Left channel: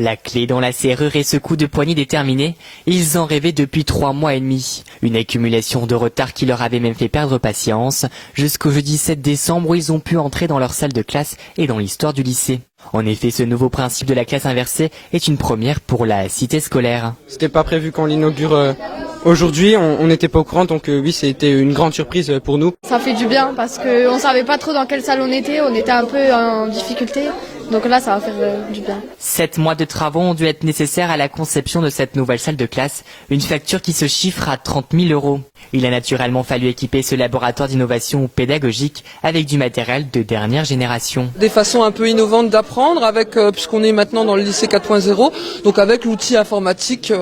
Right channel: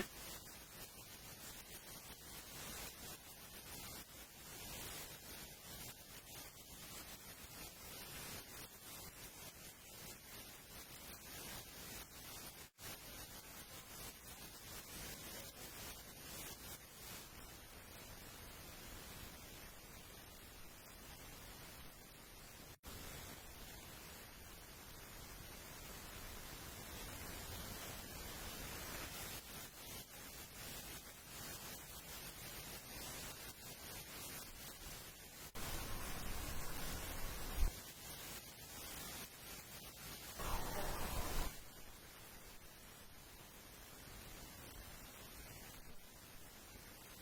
La clé dans la serrure et ce coup de poignée déterminé, ils en rêvaient depuis 3 mois et demi. Une accumulation de retard qui leur avait même fait perdre patience, jusqu'au jeudi 7 décembre où ils ont pu entrer dans leur salle de classe et dans l'histoire du lycée. En effet, ce nouveau principe de la classe inversée est une première pour la cité scolaire. C'était pas prévu qu'on l'inaugure aujourd'hui, on n'était pas au courant, donc oui, c'était une grande surprise pour nous. Ça fait du bien parce qu'on savait pas trop dans quelle salle on était un peu en difficulté. Donc là, ça va faire du bien. 7 mois de travaux ont dû être nécessaires à la conception de cette nouvelle salle de classe, une facture qui se chiffre à 30 000 €. Il a naturellement fallu équiper ce laboratoire d'innovation pédagogique avec du matériel de dernière génération. Des façons un peu innovantes d'apprendre, avec puisqu'on est maintenant dans le lycée 4.0, donc avec l'outil informatique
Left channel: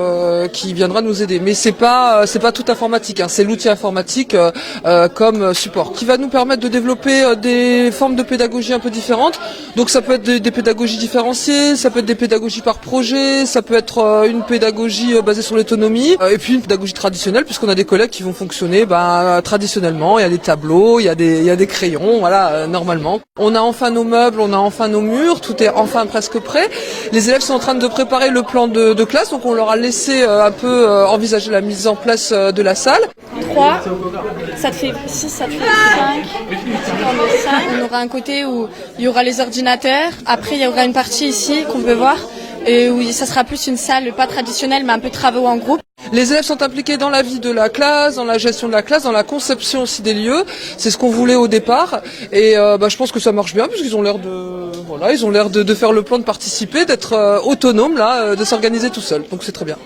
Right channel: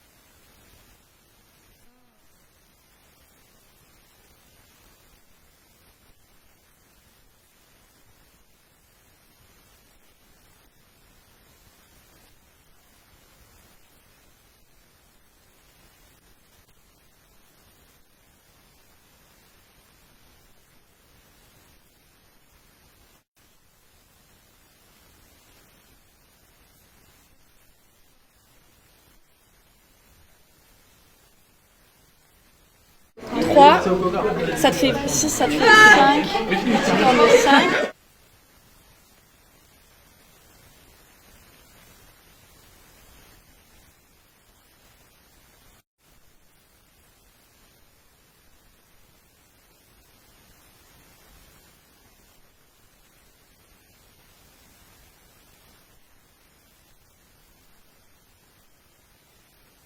qui viendra nous aider. Mais c'est pas tout informatique, hein, c'est l'outil informatique comme support qui va nous permettre de développer des formes de pédagogie un peu différentes. Donc ça peut être des pédagogies différenciées, ça peut être des pédagogies par projet, ça peut être une pédagogie basée sur l'autonomie, et puis une pédagogie traditionnelle puisqu'on a des collègues qui vont fonctionner traditionnellement. Il y a des tableaux, il y a des crayons, voilà, normalement. On a enfin nos meubles, on a enfin nos murs, tout est enfin presque prêt. Les élèves sont en train de préparer le plan de classe, donc on leur a laissé un peu envisager la mise en place de la salle. 3, ça te fait 6, ça te fait 5. Il y aura un côté où il y aura les ordinateurs. Après, il y aura une partie ici qu'on peut voir, et où ça sera plus une salle pas traditionnelle, mais un peu travaux en groupe. Les élèves sont impliqués dans la vie de la classe, dans la gestion de la classe, dans la conception aussi des lieux. C'est ce qu'on voulait au départ, et je pense que ça marche bien puisqu'ils ont l'air de faire le plan, de participer, d'être autonomes là, de s'organiser tout seuls. Donc c'est très bien.